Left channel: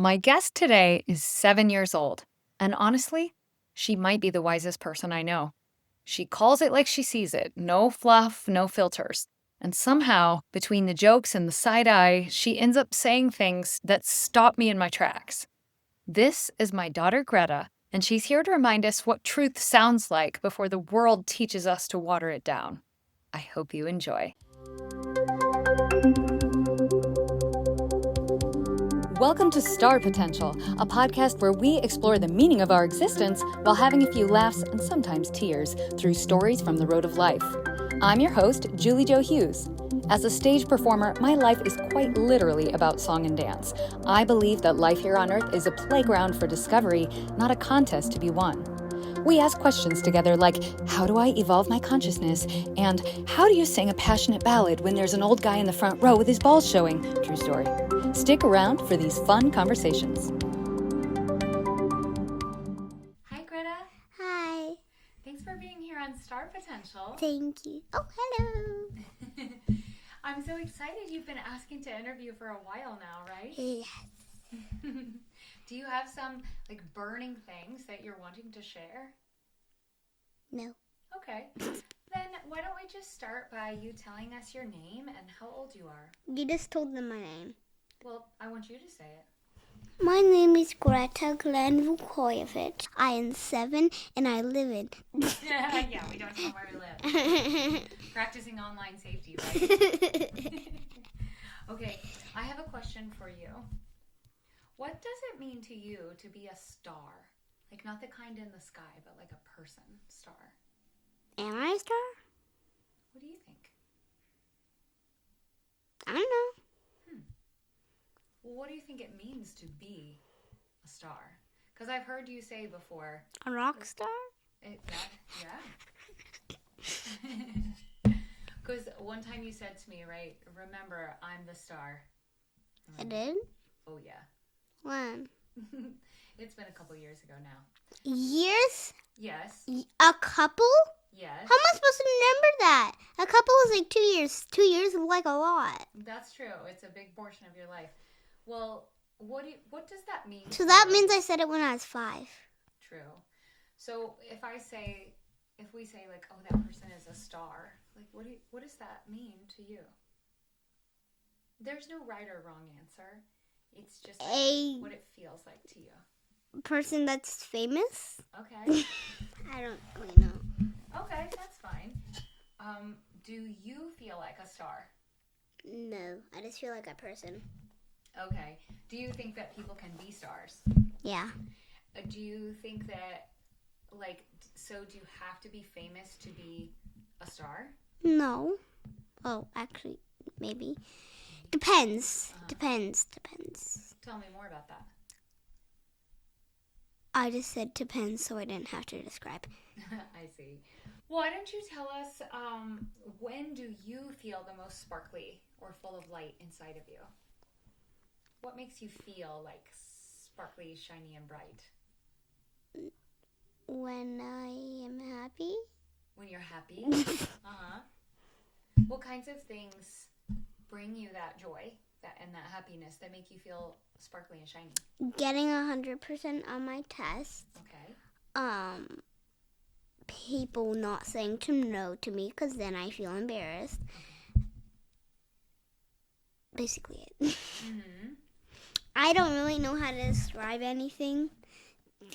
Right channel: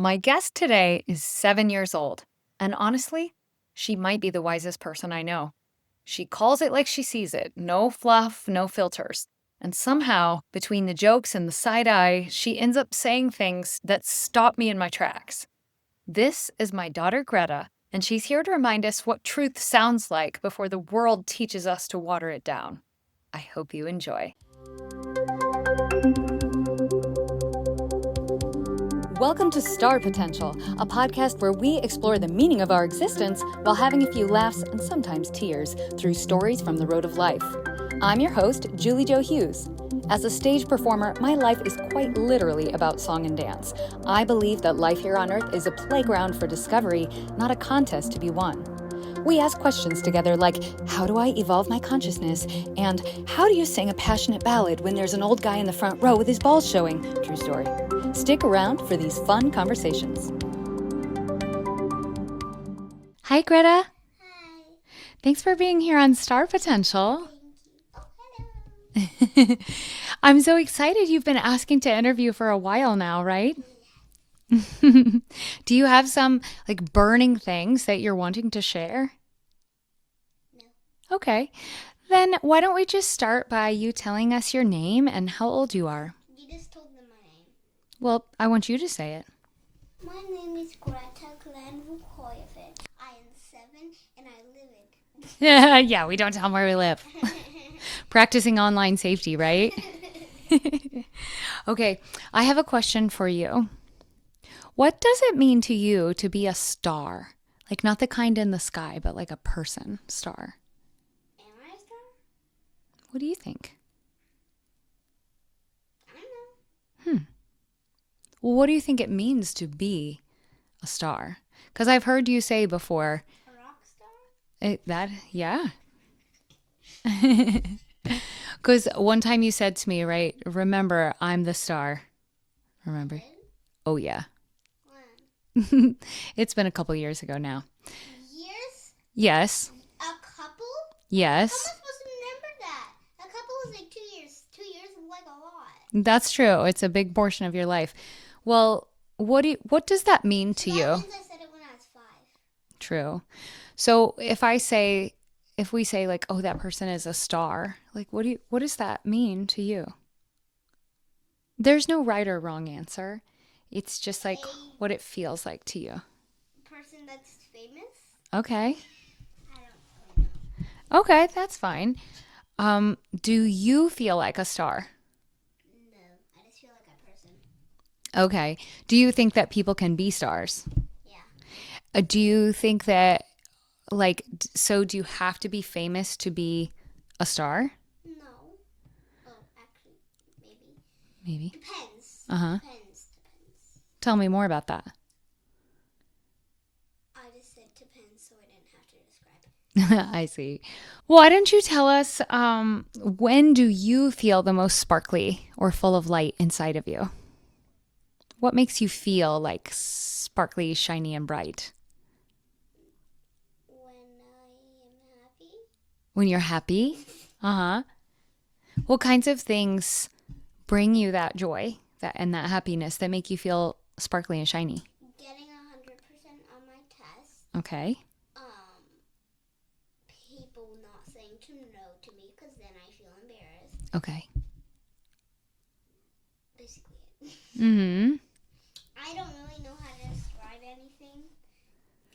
My guest today is 7 years old, and honestly, she might be the wisest person I know. She calls it like she sees it, no fluff, no filters. And somehow, between the jokes and the side eye, she ends up saying things that stop me in my tracks. This is my daughter Greta, and she's here to remind us what truth sounds like before the world teaches us to water it down. I hope you enjoy. Welcome to Star Potential, a podcast where we explore the meaning of our existence while having a few laughs and sometimes tears through stories from the road of life. I'm your host, Julie Jo Hughes. As a stage performer, my life is quite literally about song and dance. I believe that life here on Earth is a playground for discovery, not a contest to be won. We ask questions together like, how do I evolve my consciousness? And how do you sing a passionate ballad when there's an old guy in the front row with his balls showing? True story. Stick around for these fun conversations. Hi, Greta. Hi. Thanks for being here on Star Potential. Thank you. Oh, hello. I'm so excited. You've been asking to interview for a while now, right? Yes. Do you have some burning things that you're wanting to share? No. Okay. Then why don't we just start by you telling us your name and how old you are? You just told them my name. Well, I want you to say it. My name is Greta Glenn-Vukojevic. I am 7 and I live in... Yeah, we don't tell them where we live. Practicing online safety, right? Okay, I have a question for you. What does it mean to you to be a star? Like not the kind in the sky, but like a person star. Am I a star? What do you think? I don't know. Well, what do you think it means to be a star? Because I've heard you say before. A rock star? Yeah. Because one time you said to me, right, remember, I'm the star. Remember? I did? Oh, yeah. When? It's been a couple years ago now. Years? Yes. A couple? Yes. How am I supposed to remember that? A couple is like 2 years. 2 years is like a lot. That's true. It's a big portion of your life. Well, what does that mean to you? So that means I said it when I was 5. True. So if we say like, oh, that person is a star, like what does that mean to you? There's no right or wrong answer. It's just like what it feels like to you. Person that's famous? Okay. I don't really know. Okay, that's fine. Do you feel like a star? No, I just feel like a person. Okay. Do you think that people can be stars? Yeah. Do you think that, so do you have to be famous to be a star? No. Oh, actually, maybe. Maybe. Depends. Uh-huh. Depends. Tell me more about that. I just said depends, so I didn't have to describe. I see. Why don't you tell us, when do you feel the most sparkly or full of light inside of you? What makes you feel like sparkly, shiny, and bright? When I am happy. When you're happy? Uh-huh. What kinds of things bring you that joy and that happiness that make you feel sparkly and shiny? Getting 100% on my test. Okay. People not saying no to me because then I feel embarrassed. Okay. Basically it. Mm-hmm. I don't really know how to describe anything.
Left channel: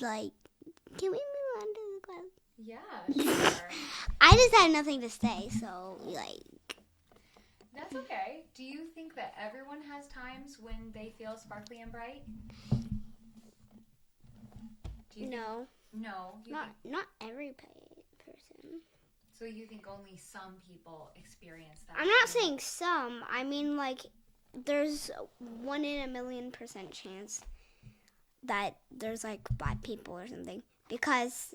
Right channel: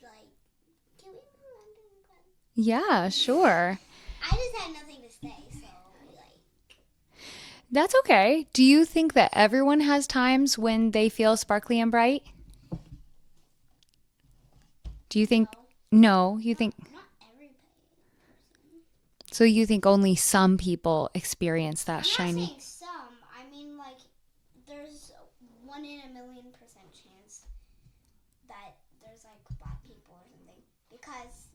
Like, can we move on to the class? Yeah, sure. I just had nothing to say, so That's okay. Do you think that everyone has times when they feel sparkly and bright? Do you think? No, you think? Not every person. So you think only some people experience that I'm shiny? not saying some. I mean, there's 1 in a million% chance that there's bad people or something. Because,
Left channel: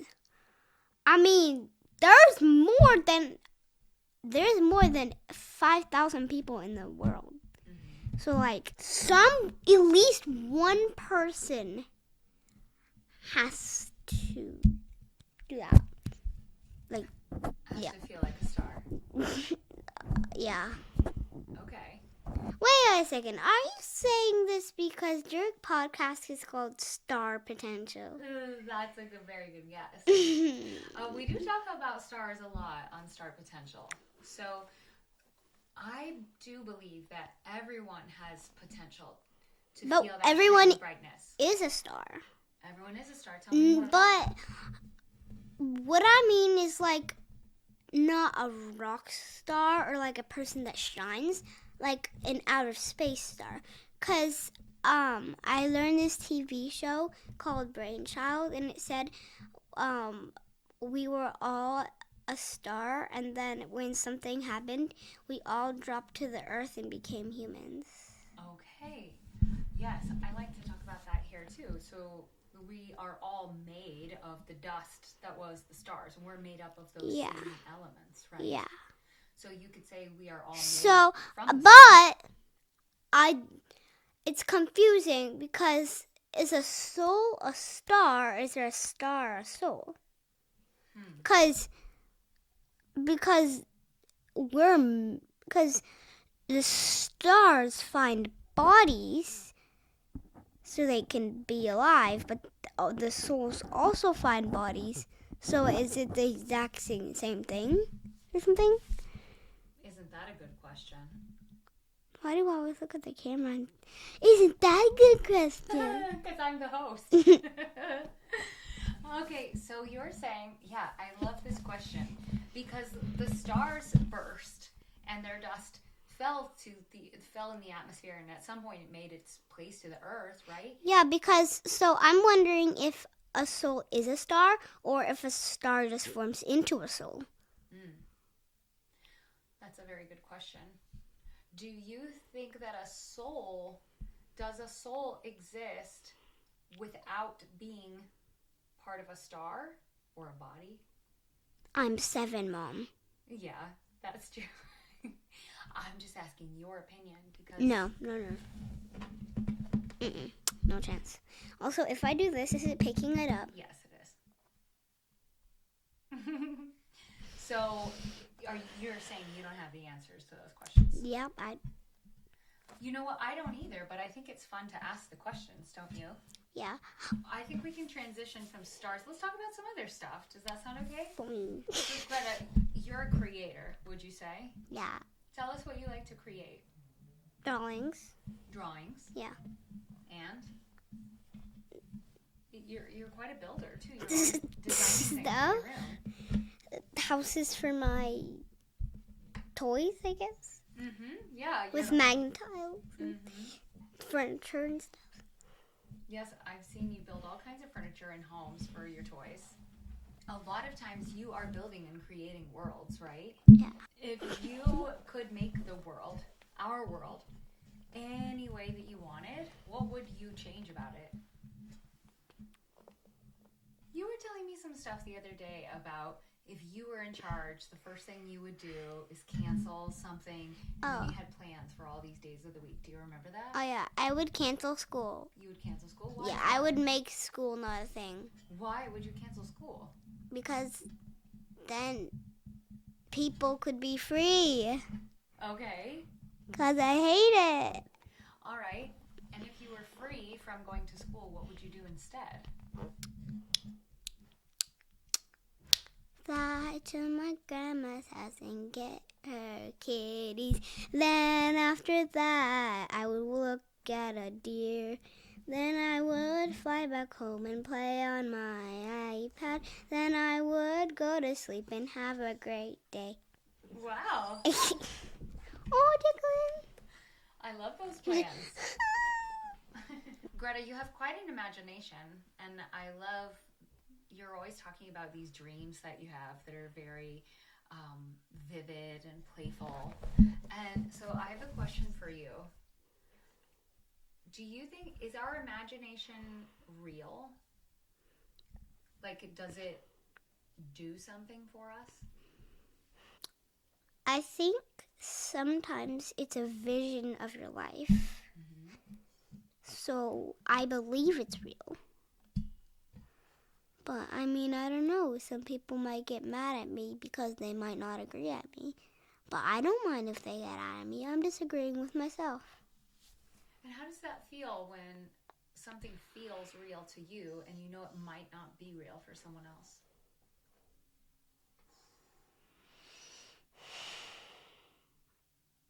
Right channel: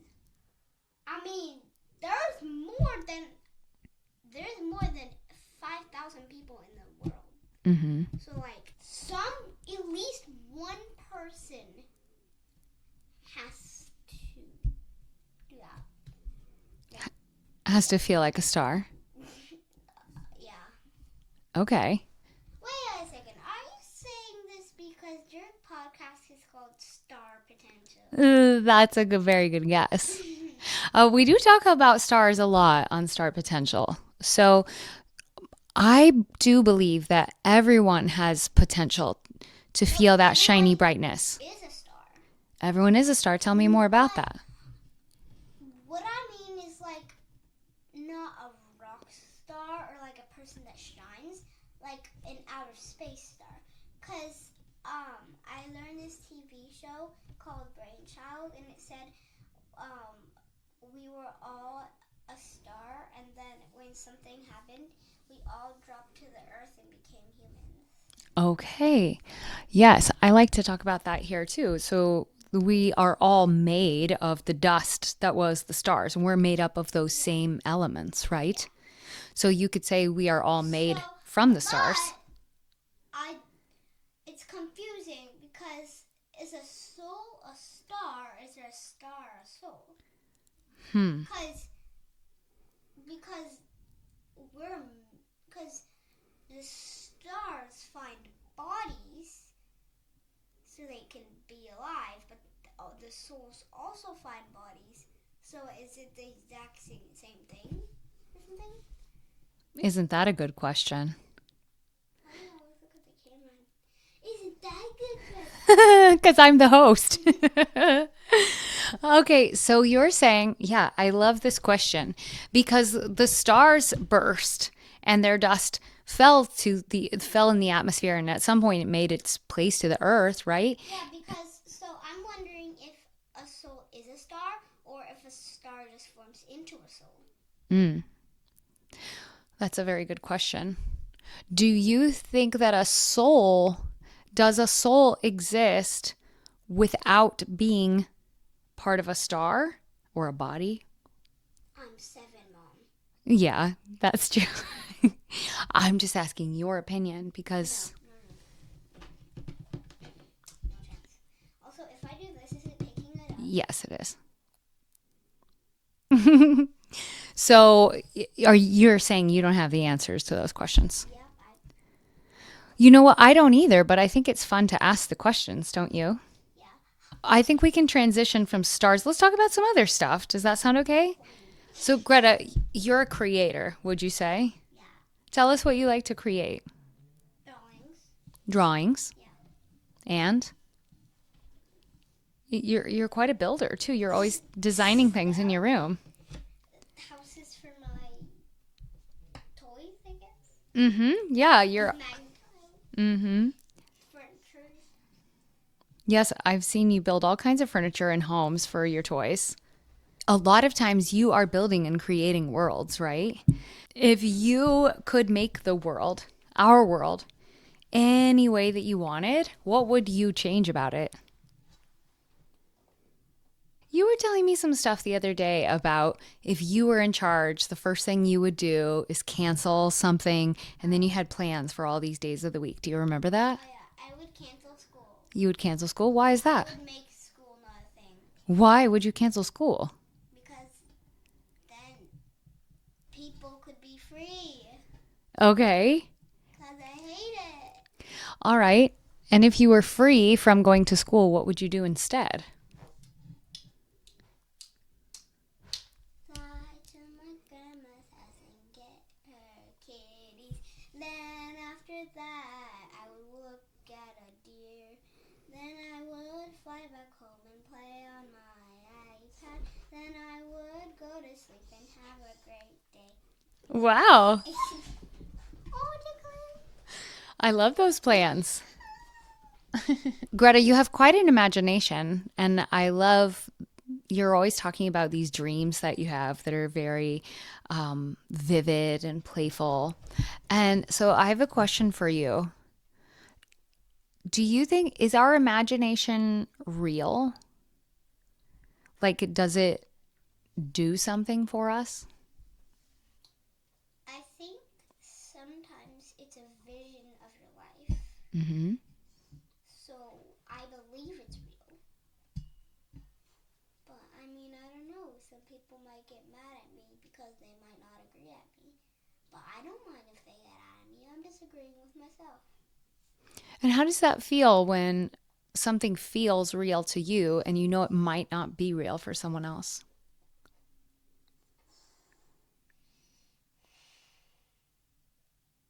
I mean, there's more than 5,000 people in the world. Mm-hmm. So at least one person has to do that. Has to feel like a star. Yeah. Okay. Wait a second. Are you saying this because your podcast is called Star Potential? That's a very good guess. We do talk about stars a lot on Star Potential. So I do believe that everyone has potential to No, feel that everyone shiny brightness. is a star. Everyone is a star. Tell me more about that. What I mean is like not a rock star or like a person that shines, like an outer space star. Cause I learned this TV show called Brainchild, and it said we were all a star, and then when something happened, we all dropped to the earth and became humans. Okay. Yes, I like to talk about that here too. So we are all made of the dust that was the stars, and we're made up of those same elements, right? Yeah. So you could say we are all made So, from the stars. But it's confusing because is a soul a star? Is there a star a soul? Because the stars find bodies so they can be alive, but the souls also find bodies. So is it the exact same thing or something? Isn't that a good question? Why do I always look at the camera? Isn't that a good question? Because I'm the host. Okay, so you're saying, yeah, I love this question because the stars burst and their dust fell in the atmosphere, and at some point it made its place to the earth, right? Yeah, because so I'm wondering if a soul is a star or if a star just forms into a soul. That's a very good question. Do you think that does a soul exist without being part of a star or a body? I'm 7, Mom. Yeah, that's true. I'm just asking your opinion because... No. No chance. Also, if I do this, is it picking it up? Yes, it is. So, you're saying you don't have the answers to those questions? Yep. You know what? I don't either, but I think it's fun to ask the questions, don't you? Yeah. I think we can transition from stars. Let's talk about some other stuff. Does that sound okay? So, Greta, you're a creator, would you say? Yeah. Tell us what you like to create. Drawings. Yeah. And you're quite a builder too. You're always designing things in your room. Houses for my toys, I guess. Mm-hmm. Yeah, With magnet tiles. Mm-hmm. Furniture and stuff. Yes, I've seen you build all kinds of furniture and homes for your toys. A lot of times you are building and creating worlds, right? If you could make the world, our world, any way that you wanted, what would you change about it? You were telling me some stuff the other day about if you were in charge, the first thing you would do is cancel something, and then you had plans for all these days of the week. Do you remember that? Oh, yeah. I would cancel school. You would cancel school? Why is that? I would make school not a thing. Why would you cancel school? Because then people could be free. Okay. Because I hate it. All right. And if you were free from going to school, what would you do instead? Fly to my grandma's house and get her kitties. Then after that, I would look at a deer. Then I would fly back home and play on my iPad. Then I would go to sleep and have a great day. Wow. Oh, Declan. I love those plans. Greta, you have quite an imagination, and I love you're always talking about these dreams that you have that are very vivid and playful. And so I have a question for you. Do you think, is our imagination real? Like, does it do something for us? I think sometimes it's a vision of your life. Mm-hmm. So I believe it's real. But I mean, I don't know. Some people might get mad at me because they might not agree at me. But I don't mind if they get out of me. I'm disagreeing with myself. And how does that feel when something feels real to you and you know it might not be real for someone else?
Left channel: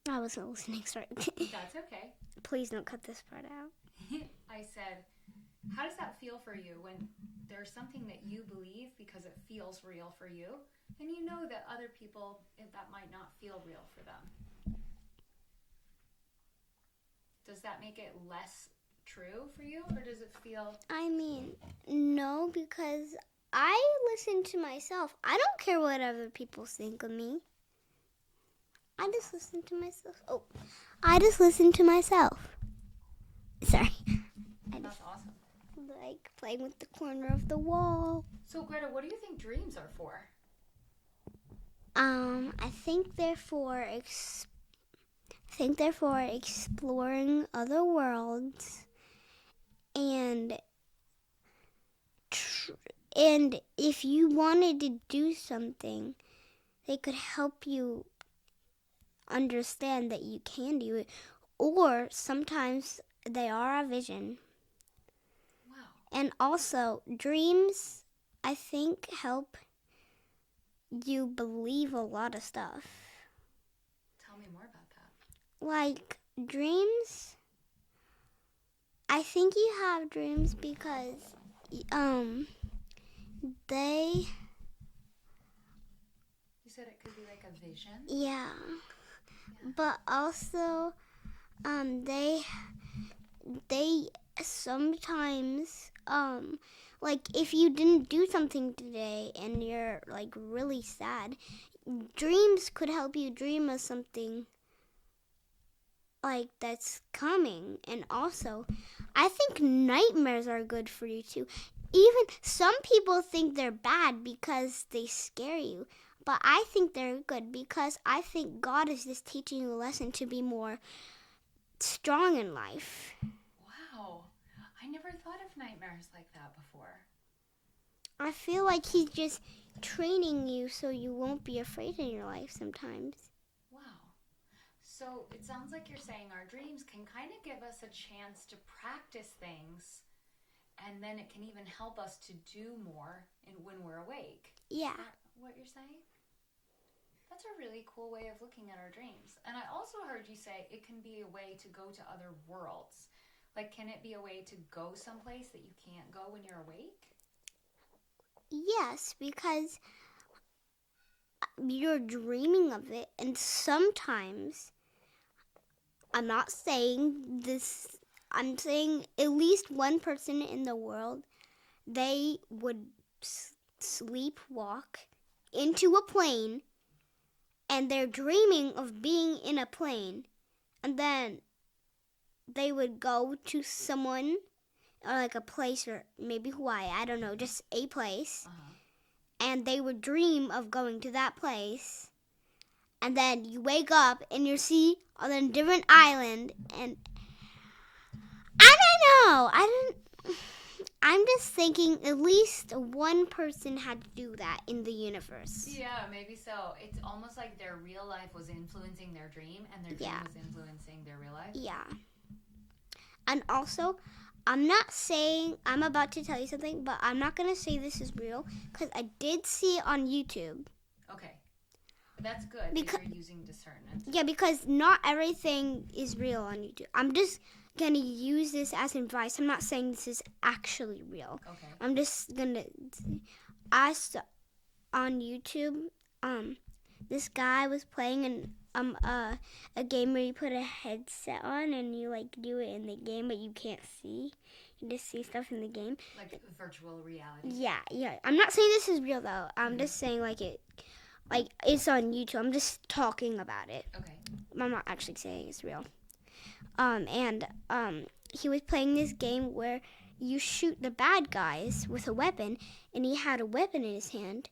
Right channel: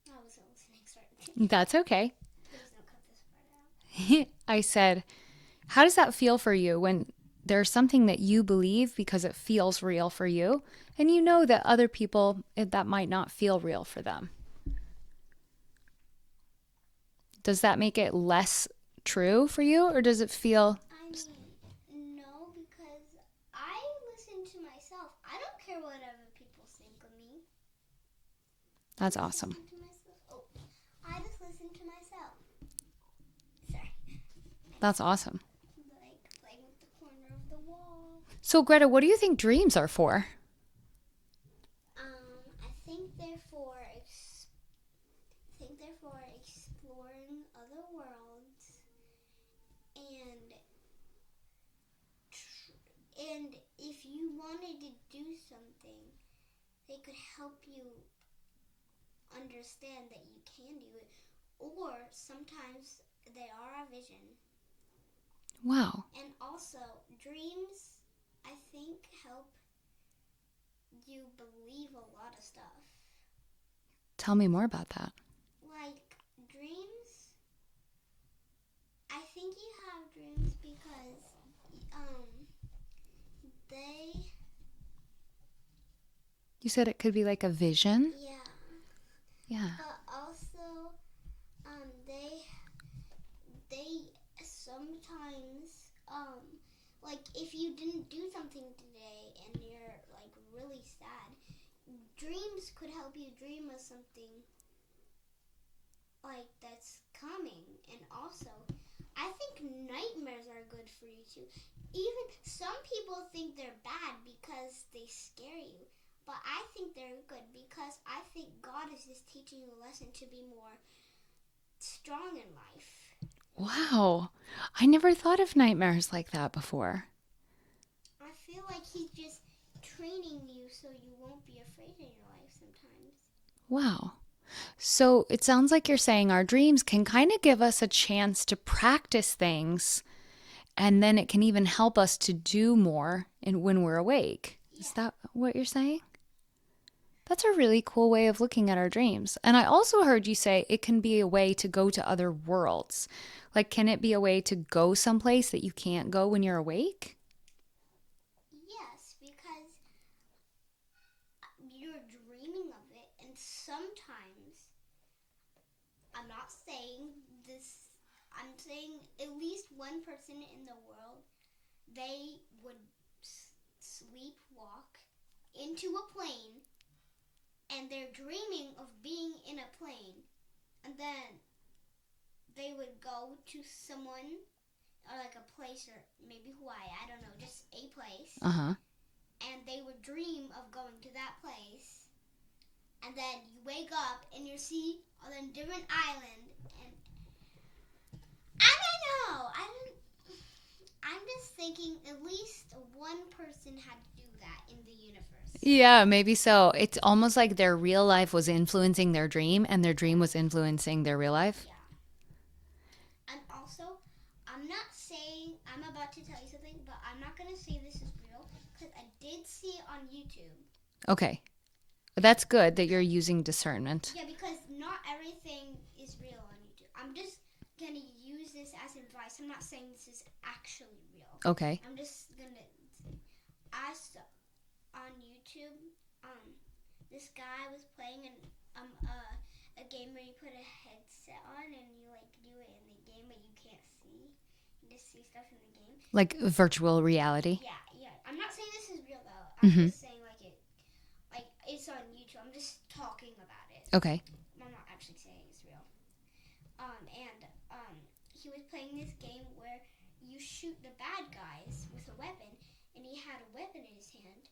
I wasn't listening, sorry. That's okay. Please don't cut this part out. I said, how does that feel for you when there's something that you believe because it feels real for you and you know that other people, that might not feel real for them? Does that make it less true for you, or does it feel... I mean, no, because I listen to myself. I don't care what other people think of me. That's I just awesome. listen to myself. Oh, I just listen to myself. Sorry. That's awesome. Like playing with the corner of the wall. So, Greta, what do you think dreams are for? I think they're for exploring other worlds, and if you wanted to do something, they could help you understand that you can do it, or sometimes they are a vision. Wow. And also, dreams, I think, help you believe a lot of stuff. Tell me more about that. Like, dreams, I think you have dreams because, they... You said it could be like a vision? Yeah. Yeah. But also, they sometimes, like, if you didn't do something today and you're, like, really sad, dreams could help you dream of something, like, that's coming. And also, I think nightmares are good for you, too. Even some people think they're bad because they scare you. But I think they're good because I think God is just teaching you a lesson to be more strong in life. Wow. I never thought of nightmares like that before. I feel like He's just training you so you won't be afraid in your life sometimes. Wow. So it sounds like you're saying our dreams can kind of give us a chance to practice things, and then it can even help us to do more when we're awake. Yeah. Is that what you're saying? That's a really cool way of looking at our dreams. And I also heard you say it can be a way to go to other worlds. Like, can it be a way to go someplace that you can't go when you're awake? Yes, because you're dreaming of it, and sometimes, I'm not saying this, I'm saying at least one person in the world, they would sleepwalk into a plane, and they're dreaming of being in a plane, and then they would go to someone, or like a place, or maybe Hawaii, I don't know, just a place, and they would dream of going to that place, and then you wake up and you see on a different island, and I don't know, I'm just thinking at least one person had to do that in the universe. Yeah, maybe so. It's almost like their real life was influencing their dream, and their dream was influencing their real life. Yeah. And also, I'm not saying, I'm about to tell you something, but I'm not going to say this is real, because I did see it on YouTube. Okay. That's good that you're using discernment. Yeah, because not everything is real on YouTube. I'm just going to use this as advice. I'm not saying this is actually real. Okay. I'm just going to ask on YouTube, this guy was playing a game where you put a headset on and you like do it in the game, but you can't see. You just see stuff in the game. Like virtual reality? Yeah. I'm not saying this is real though. I'm just saying like it's on YouTube. I'm just talking about it. Okay. I'm not actually saying it's real. He was playing this game where you shoot the bad guys with a weapon, and he had a weapon in his hand.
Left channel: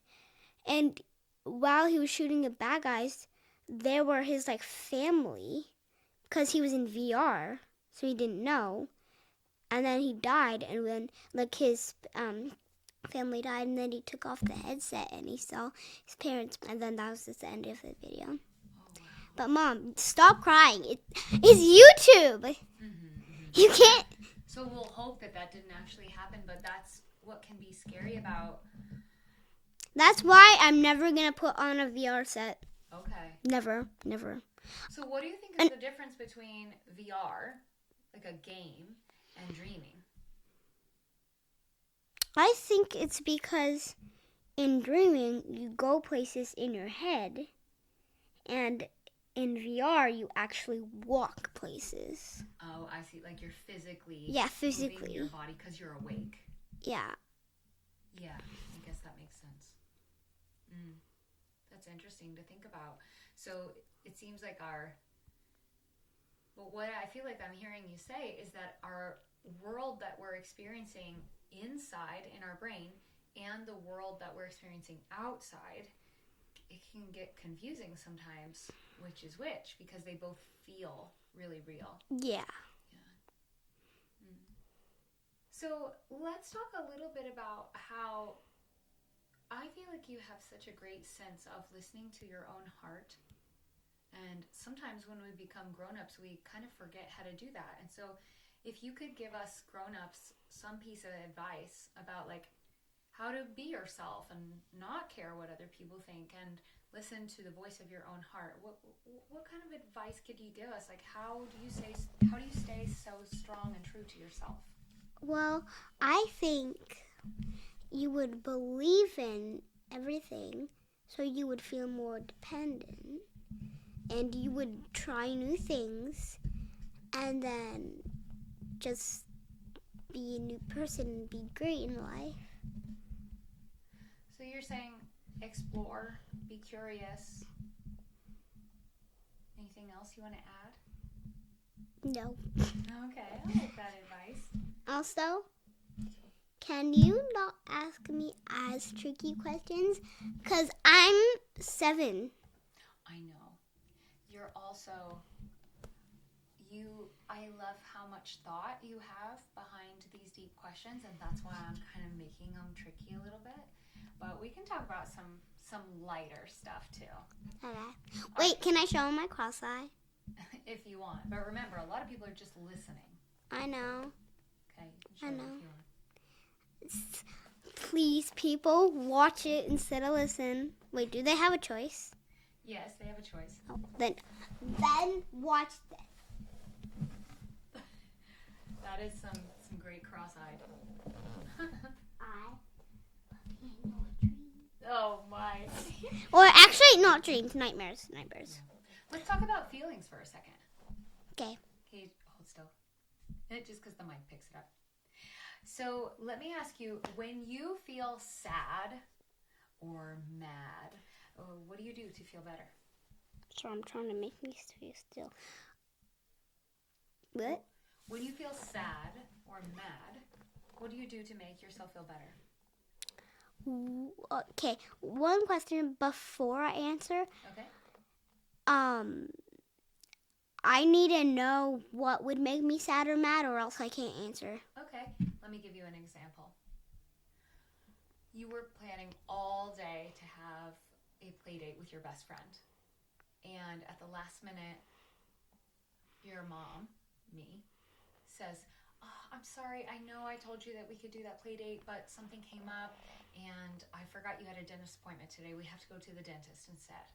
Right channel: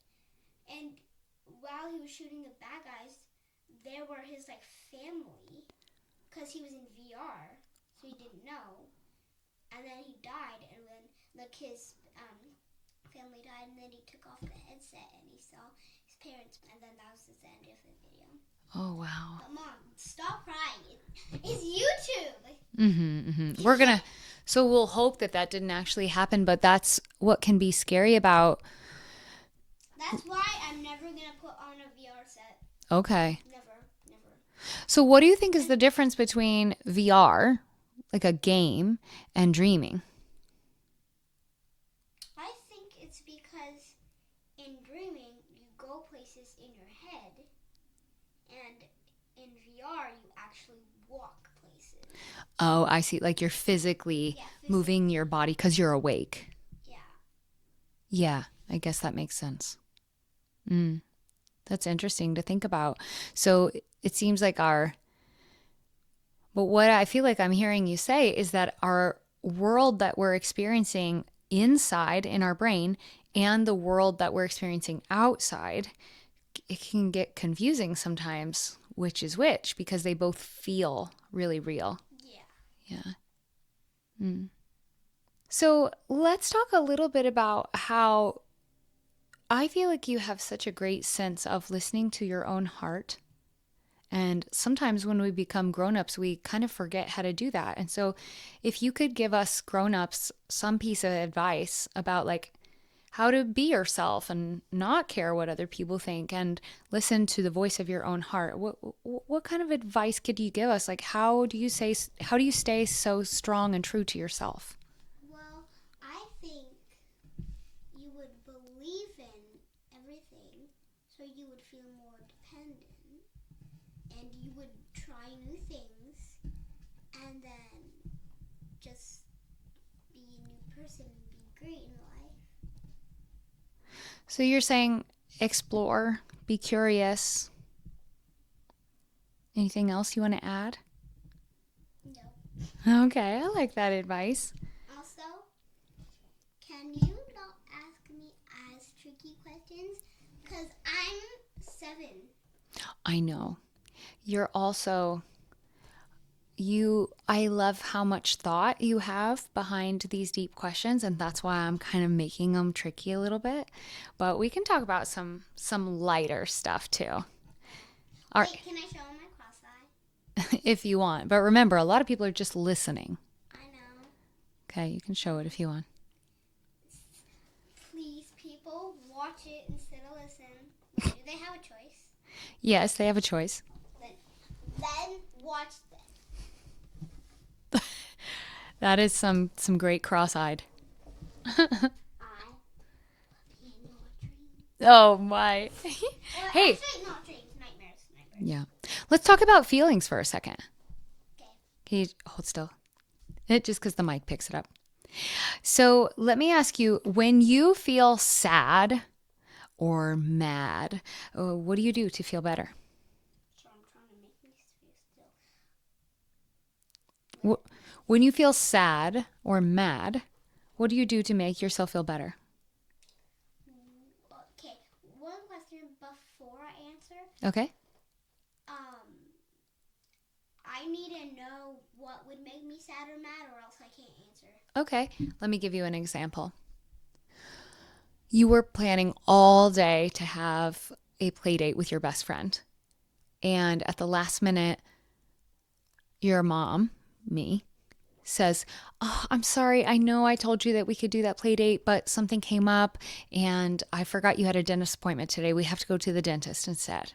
And while he was shooting the bad guys, there were his like family, because he was in VR, so he didn't know. And then he died, and then like his family died, and then he took off the headset and he saw his parents, and then that was just the end of the video. Oh, wow. But Mom, stop crying. It's YouTube. You can't. So we'll hope that didn't actually happen, but that's what can be scary about. That's why I'm never going to put on a VR set. Okay. Never. So what do you think is the difference between VR, like a game, and dreaming? I think it's because in dreaming, you go places in your head, and in VR, you actually walk places. Oh, I see. Like you're physically moving your body because you're awake. Yeah. Yeah, I guess that makes sense. That's interesting to think about. So it seems like but what I feel like I'm hearing you say is that our world that we're experiencing inside in our brain and the world that we're experiencing outside, it can get confusing sometimes, which is which, because they both feel really real. Yeah. So let's talk a little bit about how I feel like you have such a great sense of listening to your own heart. And sometimes when we become grown-ups, we kind of forget how to do that. And so if you could give us grown-ups some piece of advice about like how to be yourself and not care what other people think and listen to the voice of your own heart, what kind of advice could you give us? Like how do you stay so strong and true to yourself? Well, I think you would believe in everything, so you would feel more dependent, and you would try new things, and then just be a new person and be great in life. So you're saying explore, be curious. Anything else you want to add? No. Okay, I like that advice. Also, can you not ask me as tricky questions? Because I'm 7. I know. You're also, I love how much thought you have behind these deep questions, and that's why I'm kind of making them tricky a little bit. But we can talk about some lighter stuff too. Okay. Wait, can I show my cross eye? If you want. But remember, a lot of people are just listening. I know. Okay, you can show it if you want. Please, people, watch it instead of listen. Wait, do they have a choice? Yes, they have a choice. Oh, then watch this. That is some great cross-eyed. Oh my. Or actually, not dreams, nightmares. Yeah. Let's talk about feelings for a second. Okay. Can you hold still? Just because the mic picks it up. So let me ask you, when you feel sad or mad, what do you do to feel better? So I'm trying to make me feel still. When you feel sad or mad, what do you do to make yourself feel better? Okay, one question before I answer. Okay. I need to know what would make me sad or mad, or else I can't answer. Okay, let me give you an example. You were planning all day to have a play date with your best friend. And at the last minute, your mom, me, says, "Oh, I'm sorry. I know I told you that we could do that play date, but something came up and I forgot you had a dentist appointment today. We have to go to the dentist instead."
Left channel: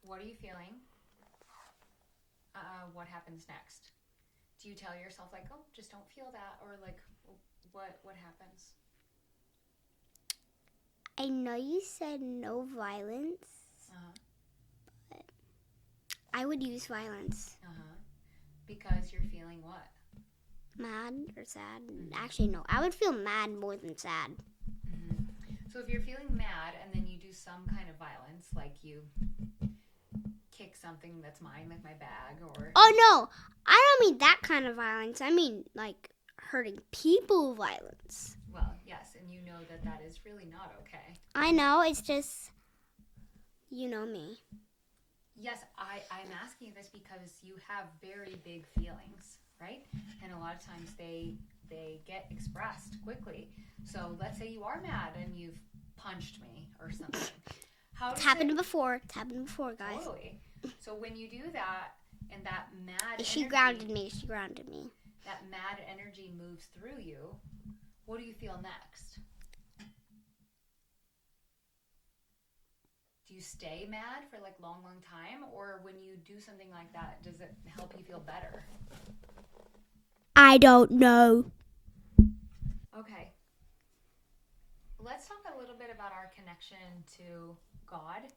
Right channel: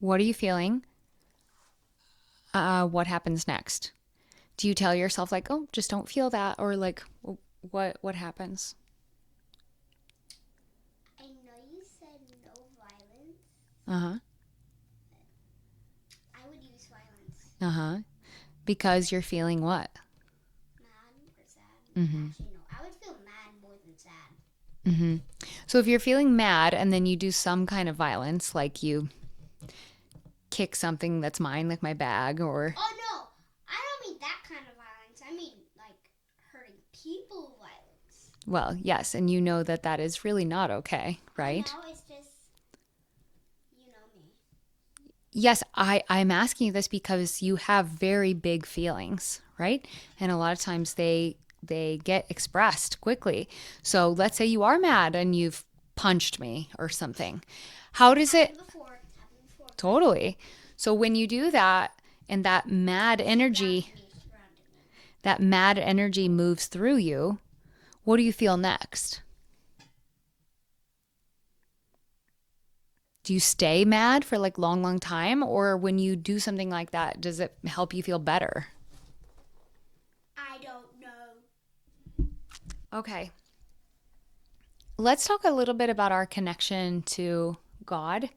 What are you feeling? What happens next? Do you tell yourself like, "Oh, just don't feel that," or like, what happens? I know you said no violence. Uh-huh. But I would use violence. Uh-huh. Because you're feeling what? Mad or sad? Mm-hmm. Actually, no. I would feel mad more than sad. Mm-hmm. So if you're feeling mad and then you do some kind of violence, like you kick something that's mine, like my bag, or... Oh, no. I don't mean that kind of violence. I mean, like, hurting people violence. Well, yes, and you know that is really not okay, right? I know. It's just, you know me. Yes, I'm asking you this because you have very big feelings, right? And a lot of times they get expressed quickly. So let's say you are mad and you've punched me or something. How does It's happened before, guys. Totally. So when you do that and that mad energy, She grounded me. that mad energy moves through you, what do you feel next? Do you stay mad for like long time? Or when you do something like that, does it help you feel better? I don't know. Okay. Let's talk a little bit about our connection to God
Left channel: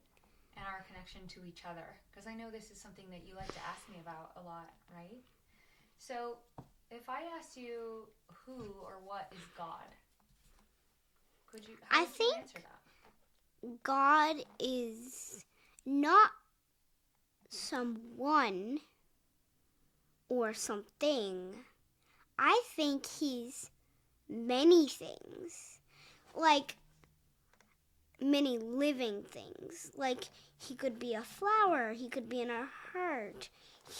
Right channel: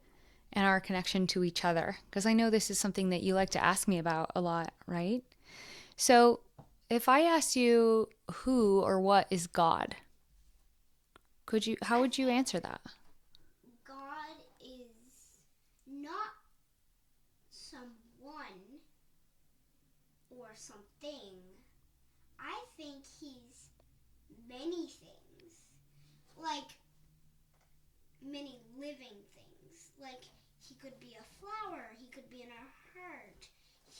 and our connection to each other, because I know this is something that you like to ask me about a lot, right? So if I asked you who or what is God, how would you answer that? God is not someone or something. I think he's many things. Like many living things. Like he could be a flower, he could be in our heart,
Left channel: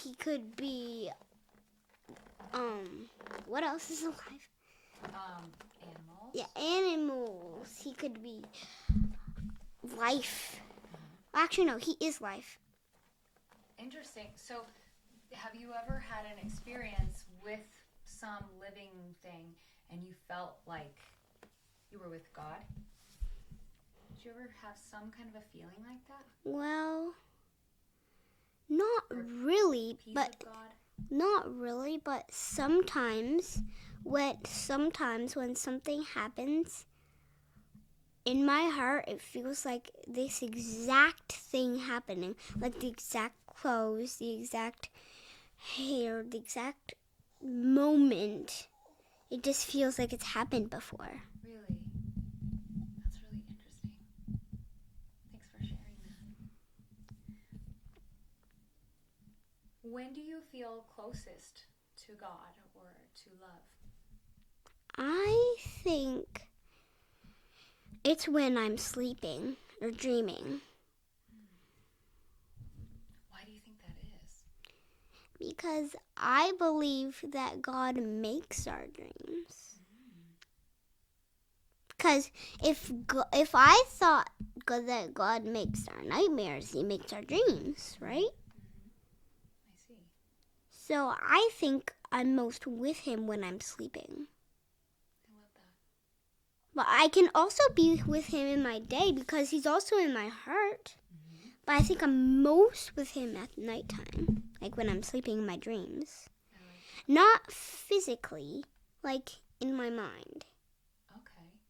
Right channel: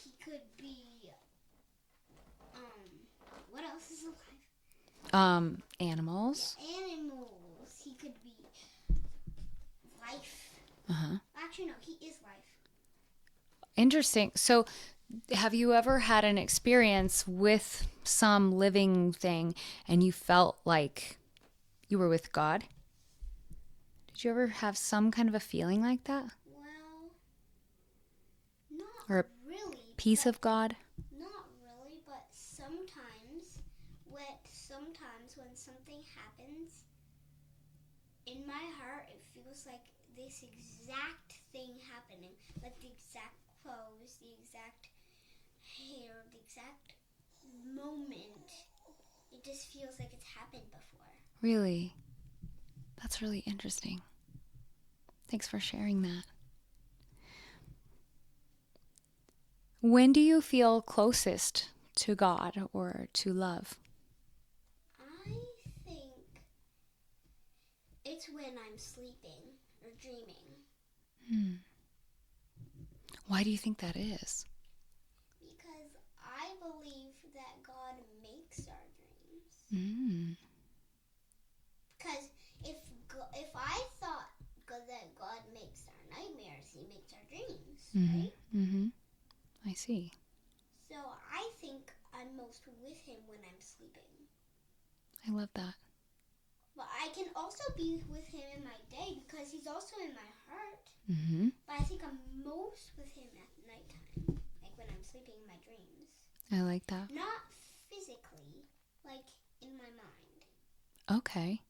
he could be what else is alive? Animals. Yeah, animals. He could be life. Uh-huh. Actually, no, he is life. Interesting. So have you ever had an experience with some living thing and you felt like you were with God? Did you ever have some kind of a feeling like that? Well, not Or a really. Peace of God? Not really, but sometimes when something happens in my heart, it feels like this exact thing happening, like the exact clothes, the exact hair, the exact moment. It just feels like it's happened before. Really? That's really interesting. Thanks for sharing that. When do you feel closest to God or to love? I think it's when I'm sleeping or dreaming. Why do you think that is? Because I believe that God makes our dreams. Because if I thought that God makes our nightmares, he makes our dreams, right? Mm-hmm. I see. So I think I'm most with him when I'm sleeping. I love that. But I can also be with him in my day because he's also in my heart. Mm-hmm. But I think I'm most with him at nighttime, like when I'm sleeping in my dreams. I like that. Not physically, like in my mind. Okay.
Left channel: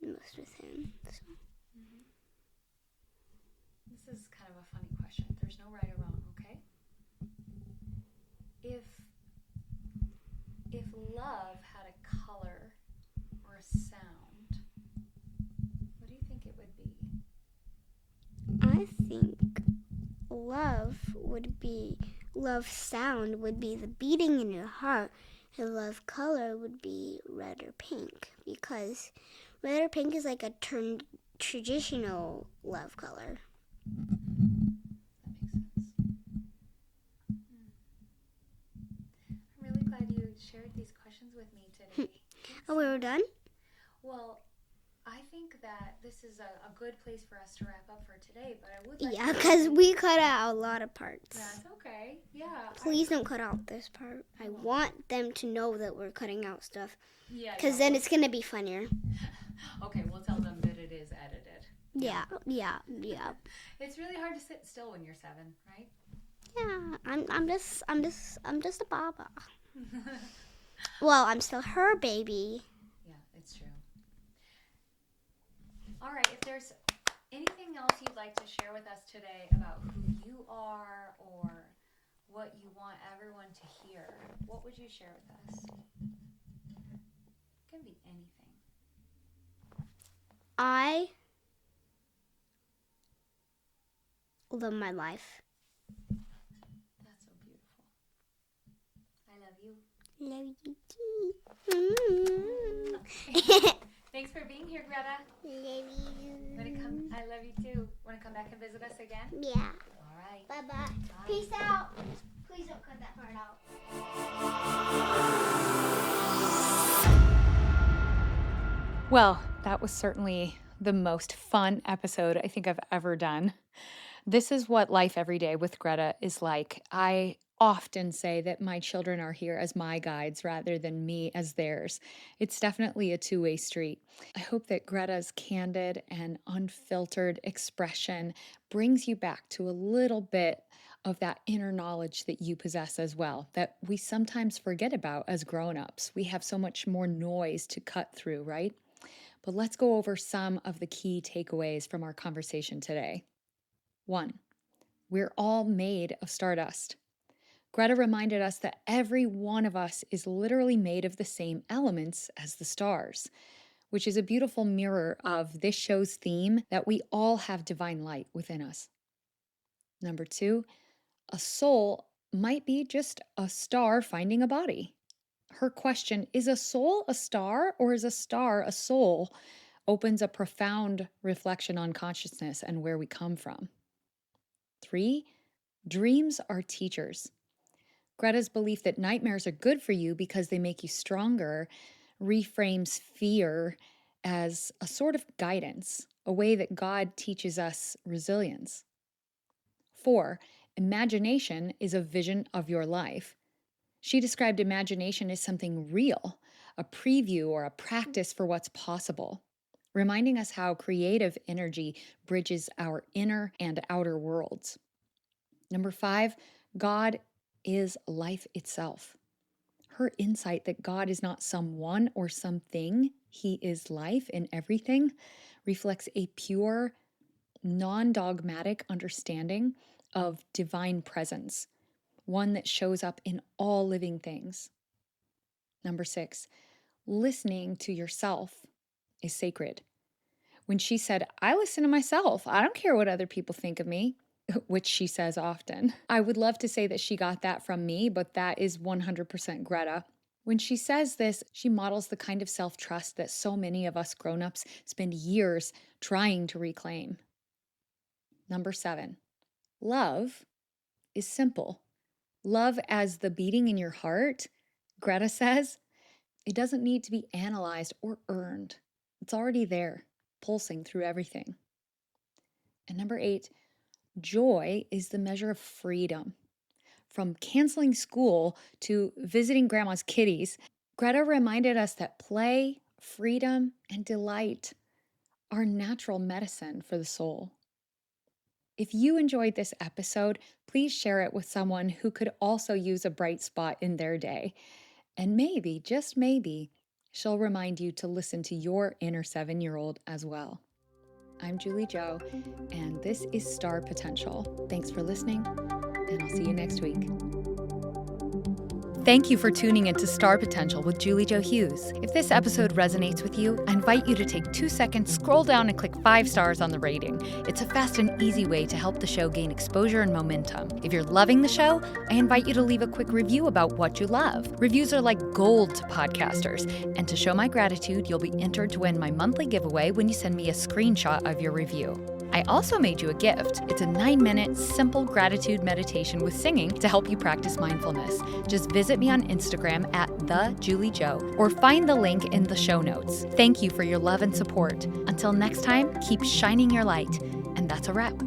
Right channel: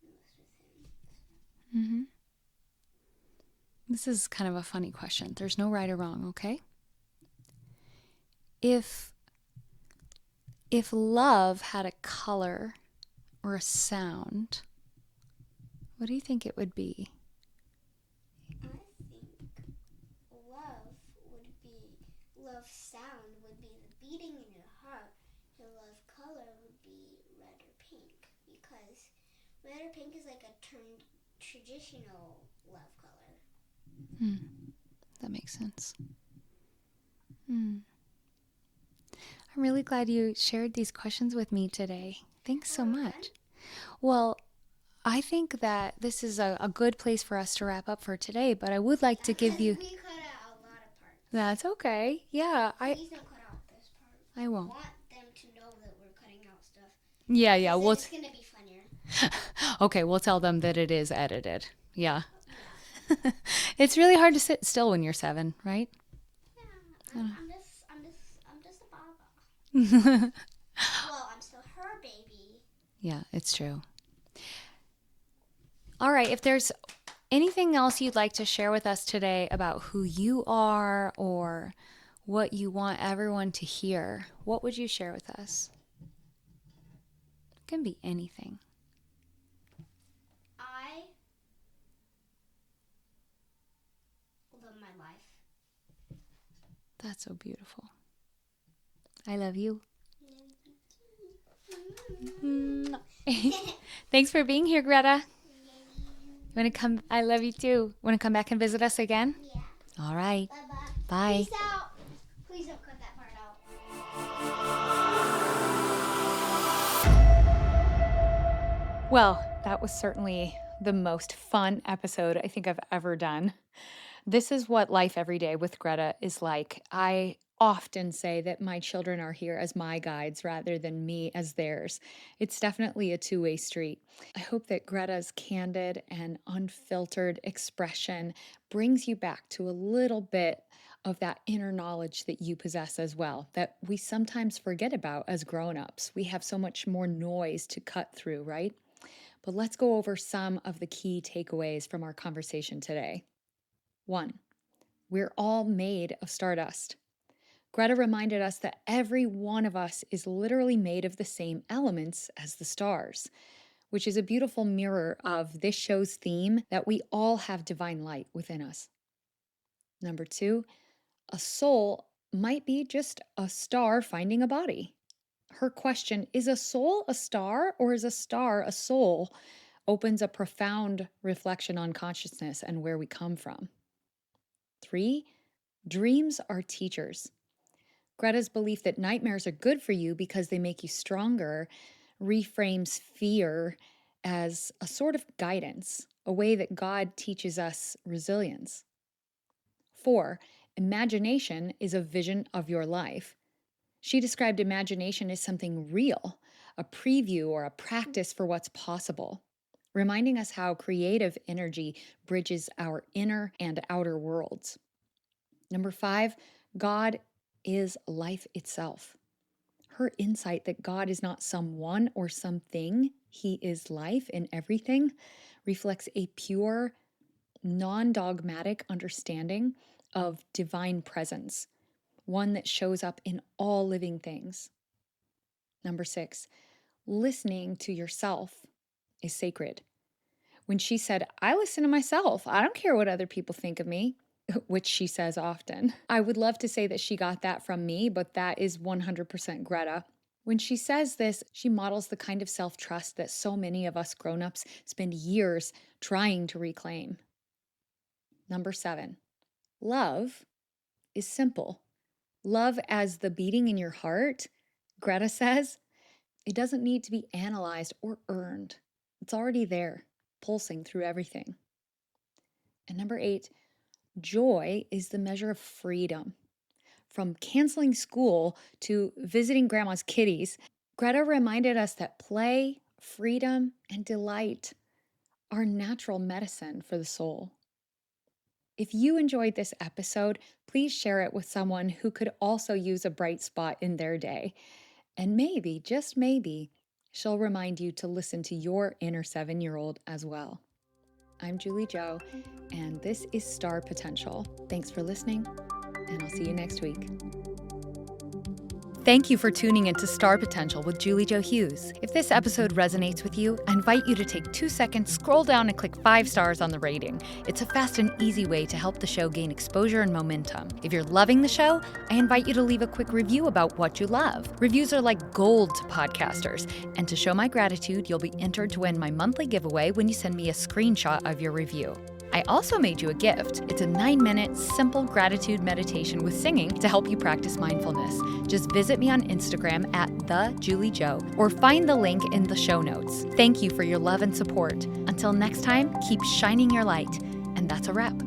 Most with him. So. Mm-hmm. This is kind of a funny question. There's no right or wrong, okay? If love had a color or a sound, what do you think it would be? I think love sound would be the beating in your heart, and love color would be red or pink, because red or pink is like a traditional love color. That makes sense. I'm really glad you shared these questions with me today. Thanks so much. We're done? Well, I think that this is a good place for us to wrap up for today, but I would like to give because you... we cut out a lot of parts. That's okay. Yeah. Please don't cut out this part. I won't. Want them to know that we're cutting out stuff. Yeah. Because then it's going to be funnier. Okay, we'll tell them that it is edited. Yeah. It's really hard to sit still when you're 7, right? Yeah, I'm just a baba. Well, I'm still her baby. Yeah, it's true. All right, if there's anything else you'd like to share with us today about who you are or what you want everyone to hear, what would you share with us? It can be anything. I love my life. That's so beautiful. I love you. Love you too. Thanks for being here, Greta. Love you. I love you too. Want to come back and visit us again? Yeah. All right. Bye-bye. Bye. Peace out. Please don't cut that part out. Well, that was certainly the most fun episode I think I've ever done. This is what life every day with Greta is like. I often say that my children are here as my guides rather than me as theirs. It's definitely a two-way street. I hope that Greta's candid and unfiltered expression brings you back to a little bit of that inner knowledge that you possess as well, that we sometimes forget about as grown-ups. We have so much more noise to cut through, right? But let's go over some of the key takeaways from our conversation today. 1, we're all made of stardust. Greta reminded us that every one of us is literally made of the same elements as the stars, which is a beautiful mirror of this show's theme that we all have divine light within us. Number 2, a soul might be just a star finding a body. Her question, is a soul a star or is a star a soul, opens a profound reflection on consciousness and where we come from. 3, dreams are teachers. Greta's belief that nightmares are good for you because they make you stronger reframes fear as a sort of guidance, a way that God teaches us resilience. 4, imagination is a vision of your life. She described imagination as something real, a preview or a practice for what's possible, reminding us how creative energy bridges our inner and outer worlds. Number 5, God is life itself. Her insight that God is not someone or something, He is life in everything, reflects a pure, non-dogmatic understanding of divine presence, one that shows up in all living things. Number 6, listening to yourself is sacred. When she said, I listen to myself, I don't care what other people think of me, which she says often. I would love to say that she got that from me, but that is 100% Greta. When she says this, she models the kind of self-trust that so many of us grown-ups spend years trying to reclaim. Number 7, love is simple. Love as the beating in your heart, Greta says, it doesn't need to be analyzed or earned. It's already there, pulsing through everything. And number 8, joy is the measure of freedom. From canceling school to visiting grandma's kitties, Greta reminded us that play, freedom, and delight are natural medicine for the soul. If you enjoyed this episode, please share it with someone who could also use a bright spot in their day. And maybe, just maybe, she'll remind you to listen to your inner 7-year-old as well. I'm Julie Jo, and this is Star Potential. Thanks for listening, and I'll see you next week. Thank you for tuning into Star Potential with Julie Jo Hughes. If this episode resonates with you, I invite you to take 2 seconds, scroll down and click 5 stars on the rating. It's a fast and easy way to help the show gain exposure and momentum. If you're loving the show, I invite you to leave a quick review about what you love. Reviews are like gold to podcasters, and to show my gratitude, you'll be entered to win my monthly giveaway when you send me a screenshot of your review. I also made you a gift. It's a 9-minute, simple gratitude meditation with singing to help you practice mindfulness. Just visit me on Instagram at @TheJulieJo or find the link in the show notes. Thank you for your love and support. Until next time, keep shining your light. And that's a wrap.